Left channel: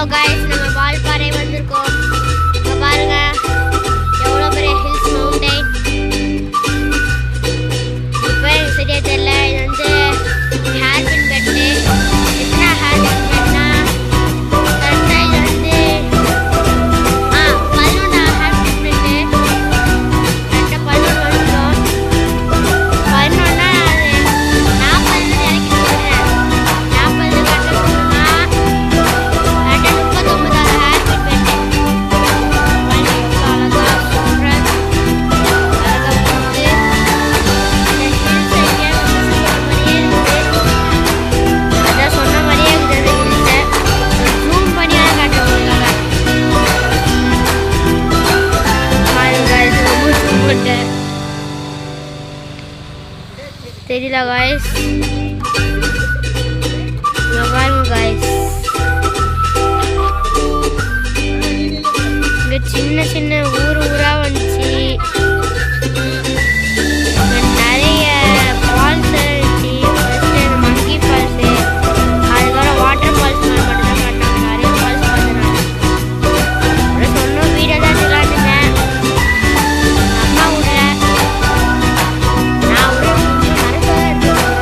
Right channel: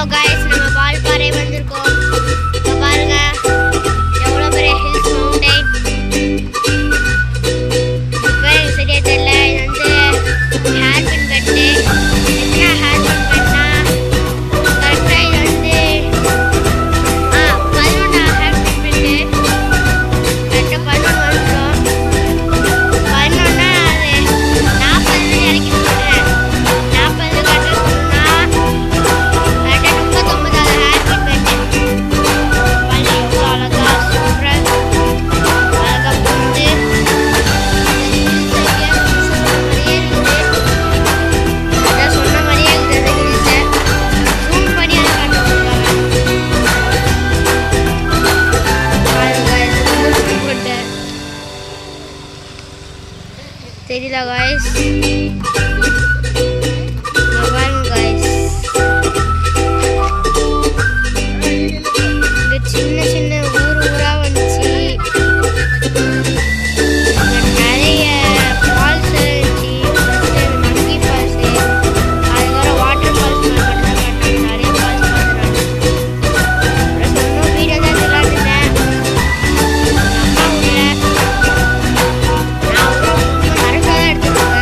Hello guys, நம்ம வால்பாறை வந்திருக்கோம். இங்க பாருங்க எவ்வளோ பெரிய ஹில்ஸ் மவுண்டைன். இப்போ எனக்கு சரியா தெரியல. இது வந்து ஹேர்பின் பெட்டு. எத்தனை ஹேர்பின் பெட்னா கரெக்டாக இது வந்து 11 ஹேர்பின் பெட்டு. கரெக்டாக 11 வந்துடும். 11னா அது 40 இறக்கி சொல்கிறேன். 40 கட்டணும்னா தெரியல guys. சின்ன சின்ன ஊரா வந்துச்சு. நிறைய ஃபால்ஸ் இருந்துச்சு. ஃபர்ஸ்ட் மங்கி ஃபால்ஸு, அதுக்கப்புறம் வாட்டர் ஃபால்ஸ் மட்டும் தான் காட்டினாங்க. நிறைய ஃபால்ஸ் பார்த்தேன் நான். அப்புறம் சொன்னோம் வீடியோ தான் எடுத்துக்கலான்னு அம்மா விடல. நான் கூட நிறைய தான் எடுத்துக்கோங்க.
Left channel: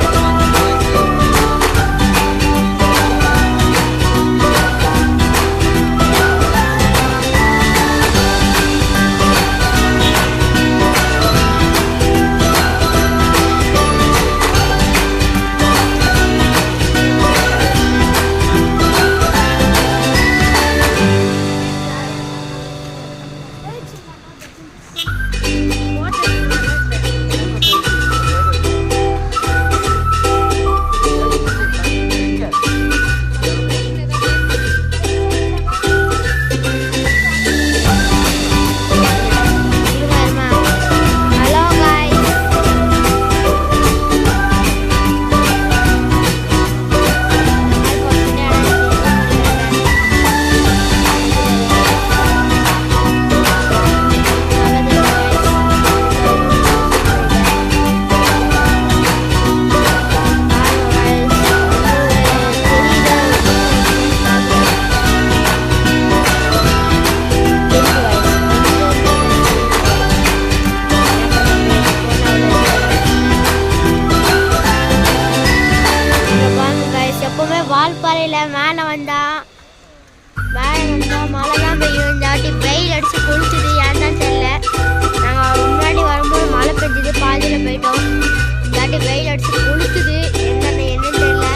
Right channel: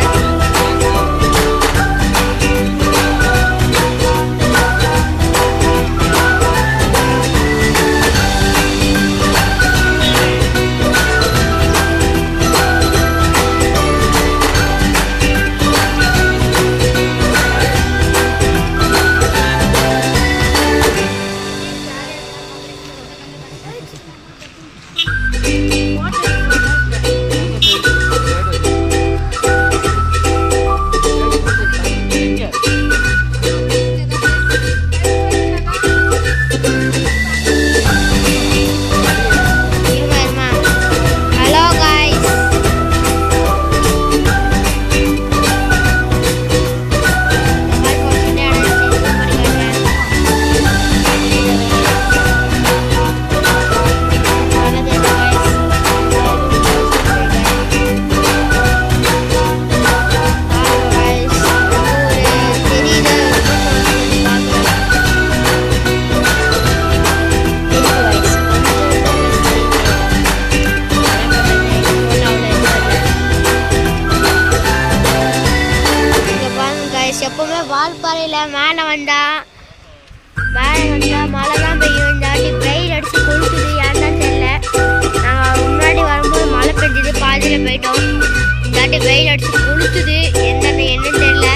எப்பவுமே வால்பாறையில் மேலே வந்தா மழை தான் பெய்யும். இந்த வாட்டி வெயில் அடிச்சு கொளுத்துது. ஏன் தான் தெரியல. நாங்கள் முன்னாடி வரும்போது மழை பெஞ்சுது, பாதியில் போயிட்டோம். இந்த வாட்டி வெயில் அடிச்சு கொளுத்துது. என்னன்னு தெரியல.